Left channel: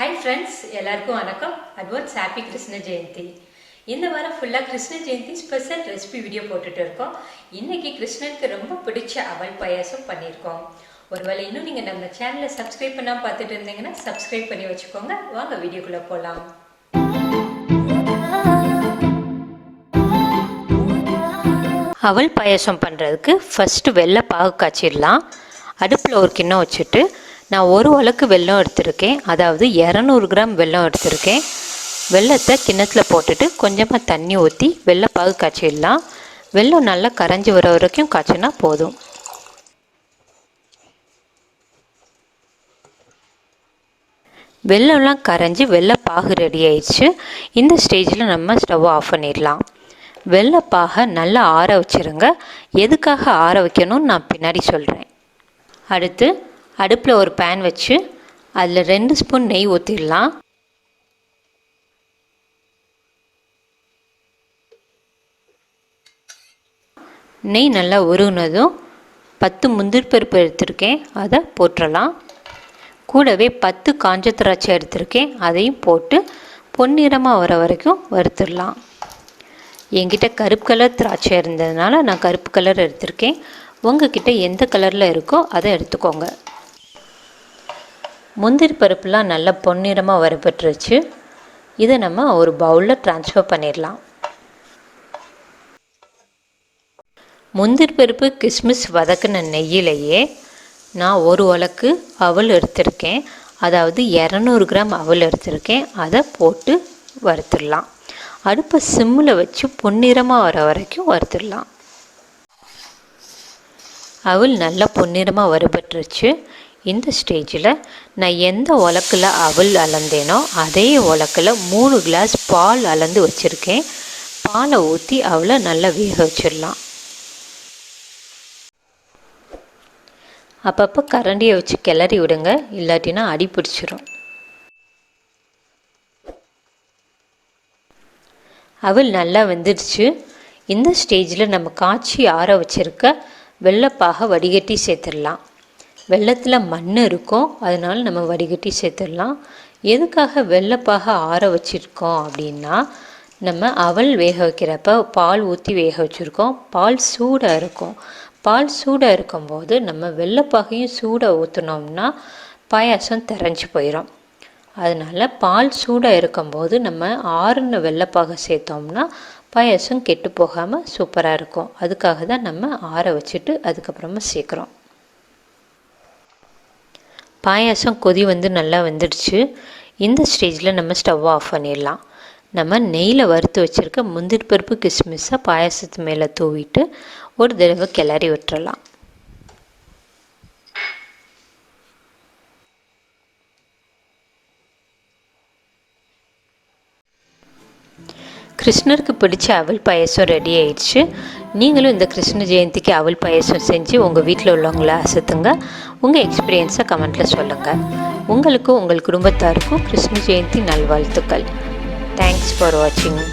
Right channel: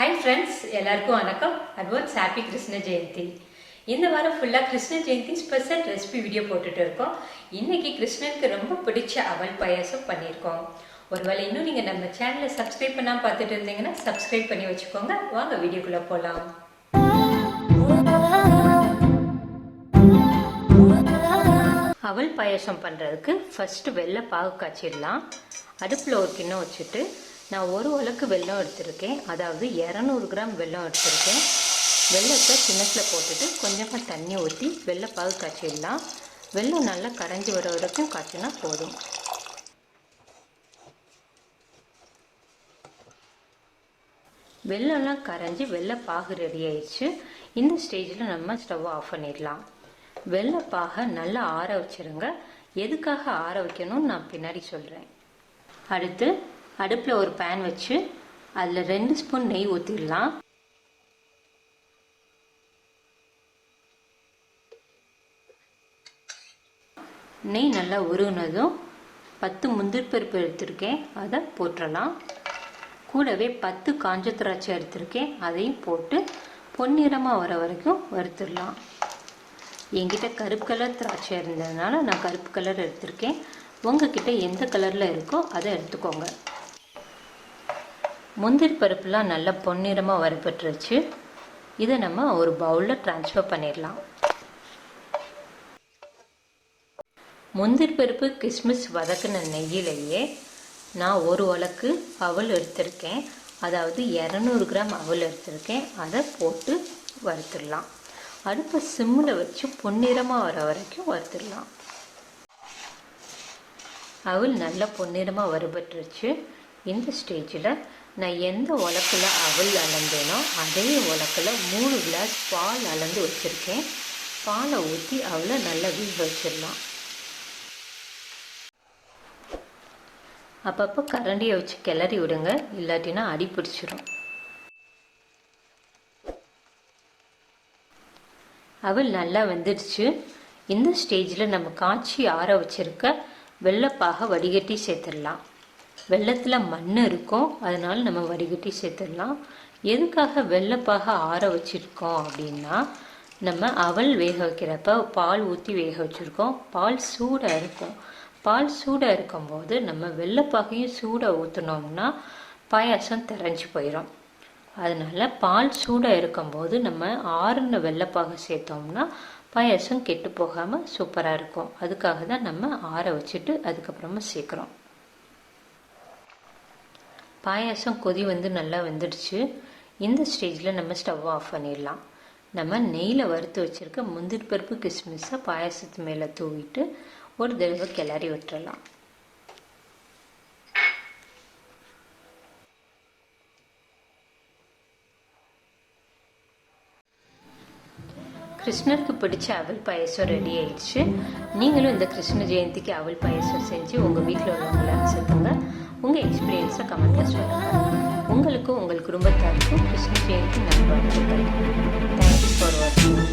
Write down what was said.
Hi friends, எல்லாருக்கும் வணக்கம். Advance happy Krishna Jayanthi. இந்த வாரம் ஃபுல்லாக Krishna Jayanthi special recipe video போட்டுட்டு இருக்கோம். இன்னைக்கு கிருஷ்ணனுக்கு ரொம்ப பிடிச்ச அவல் பாயாசம் பண்ணியிருக்கோம். ஒருவேளை இன்னும் நீங்கள் நம்ம சேனலை சப்ஸ்கிரைப் பண்ணாமல் பார்த்துட்டு இருந்தீங்கன்னா சப்ஸ்கிரைப் பண்ணி வச்சுக்கோங்க. வாங்க வீடியோக்குள்ளே போகலாம். அவல் பாயாசம் பண்ணுறதுக்கு ஃபஸ்ட்டு வெள்ளை பாகு காய்ச்சிடலாம். அடுப்பில் ஒரு கிண்ணம் வச்சுட்டு நான் ஒரு உலக்கு வெல்லம் எடுத்திருக்கேன், அதாவது 200 கிராம் வெல்லம் எடுத்திருக்கேன். வெல்லத்தை கிண்ணத்தில் போட்டுட்டு கொஞ்சமாக தண்ணி ஊற்றி வெள்ளைப்பாகு காய்ச்சிடலாம். வெல்லம் நல்லா கரைஞ்சி வர வரைக்கும் காய்ச்சினா போதும். வெல்லம்லாம் கரைஞ்சி வெள்ளைப்பாகு ரெடி ஆயிடுச்சு. இந்த ஸ்டேஜில் நம்ம ஸ்டவ் ஆஃப் பண்ணிடலாம். வெள்ளைப்பாகை நல்லா ஆற வச்சுருங்க. எதுக்காக ஆற வைக்கணும்னு நான் பின்னாடி சொல்கிறேன். அடுத்து அடுப்பில் ஒரு பேன் வச்சு அதில் 2 ஸ்பூன் நெய் ஊற்றிடலாம். நெய் நல்லா உருகுனதும் 10 முந்திரி பருப்பு எடுத்திருக்கேன், அதை போட்டுடலாம். கூடவே 10 காஞ்ச திராட்சை எடுத்திருக்கேன், அதையும் போட்டு பொன்னிறமாக வர வரைக்கும் வறுத்துடலாம். என்கிட்ட கருப்பு கலர் திராட்சை இருந்ததுனால நான் கருப்பு கலர் எடுத்திருக்கேன். உங்ககிட்ட எந்த கலரில் இருக்கோ அதை எடுத்துக்கோங்க. முந்திரி பருப்புலாம் நல்லா பொன்னிறமாக வறுபட்டுருச்சு. இதை நம்ம ஒரு பவுலில் ட்ரான்ஸ்ஃபர் பண்ணிடலாம். முந்திரி பருப்பு கிஸ்மிஸ் வதக்கின நெய்யிலேயே நான் ஒரு உலக்கு அவல் எடுத்திருக்கேன், அதாவது 200 கிராம் அவல் எடுத்திருக்கேன். அதை போட்டு வறுத்துடலாம். அடுப்பை சிம்மில் வச்சு பொன்னிறமாக வர வரைக்கும் வறுத்துடலாம். அவல் நல்லா பொன்னிறமாக வறுபட்டுருச்சு. இந்த ஸ்டேஜில் நான் எந்த உலக்கில் அவல் அளந்தேனோ அதே உலக்கில் 3 கிளாஸ் பால் அளந்து வச்சுருக்கேன். பாலை ஊற்றி அவளை நல்லா வேக வச்சிடலாம். அப்பப்போ கரண்டியை வச்சு கிளறி விடுங்க, இல்லாட்டினா அடி பிடிச்சிரும். அவல் நல்லா வெந்துடுச்சு. இந்த ஸ்டேஜில் நம்ம காய்ச்சி ஆற வச்சுருக்க வெள்ளைப்பாகை வடிகட்டி சேர்த்துடலாம். வெள்ளத்தில் மண் இருக்கும், அதனால் நம்ம வடிகட்டி சேர்த்துடலாம். எதுக்காக வெள்ளைப்பாகை ஆற வச்சுருக்கோம் அப்படின்னா, நம்ம அவல் வேக வைக்கிறப்ப பால் ஊற்றி வேக வச்சுருக்கோம். பால் சூடாக இருக்கும். பால் சூடாக இருக்கும்போது நம்ம வெள்ளைப்பாகையும் சூடாக ஊற்றினோம்னா பாயாசம் திரஞ்சு போயிடும். அதனால் பால் சூடாக இருக்கும்போது நம்ம ஆறுன வெள்ளைப்பாகை சேர்த்தோம்னா பாயாசம் கெட்டு போகாமல் சூப்பராக இருக்கும். அதுக்காக தான் நம்ம ஆற வச்சுட்டு அதுக்கப்புறமா சேர்க்குறோம். பாயாசம் கொதி வந்து நல்லா வந்துடுச்சு. இந்த ஸ்டேஜில் நம்ம ஸ்டவ் ஆஃப் பண்ணிடலாம். நம்ம நெய்யில் வறுத்து வச்சுருக்க முந்திரி பருப்பு கிஸ்மிஸை பாயாசத்து மேலே தூவிட்டு ஒரு தடவை கிளறி விட்டுறலாம். கிருஷ்ணருக்கு பிடிச்ச அவல் பாயசம் ரெடி ஆயிடுச்சு. நீங்களும் இந்த கிருஷ்ண ஜெயந்திக்கு அவல் பாயசம் செஞ்சு உங்கள் வீட்டில் உள்ளவங்கள அசத்துங்க. உங்கள் எக்ஸ்பீரியன்ஸை கமெண்ட்டில் சொல்லுங்கள். உங்களுக்கும் உங்கள் குடும்பத்தாருக்கும் கிருஷ்ண ஜெயந்தி நல்வாழ்த்துக்கள். தேங்க்ஸ் ஃபார் வாட்சிங்.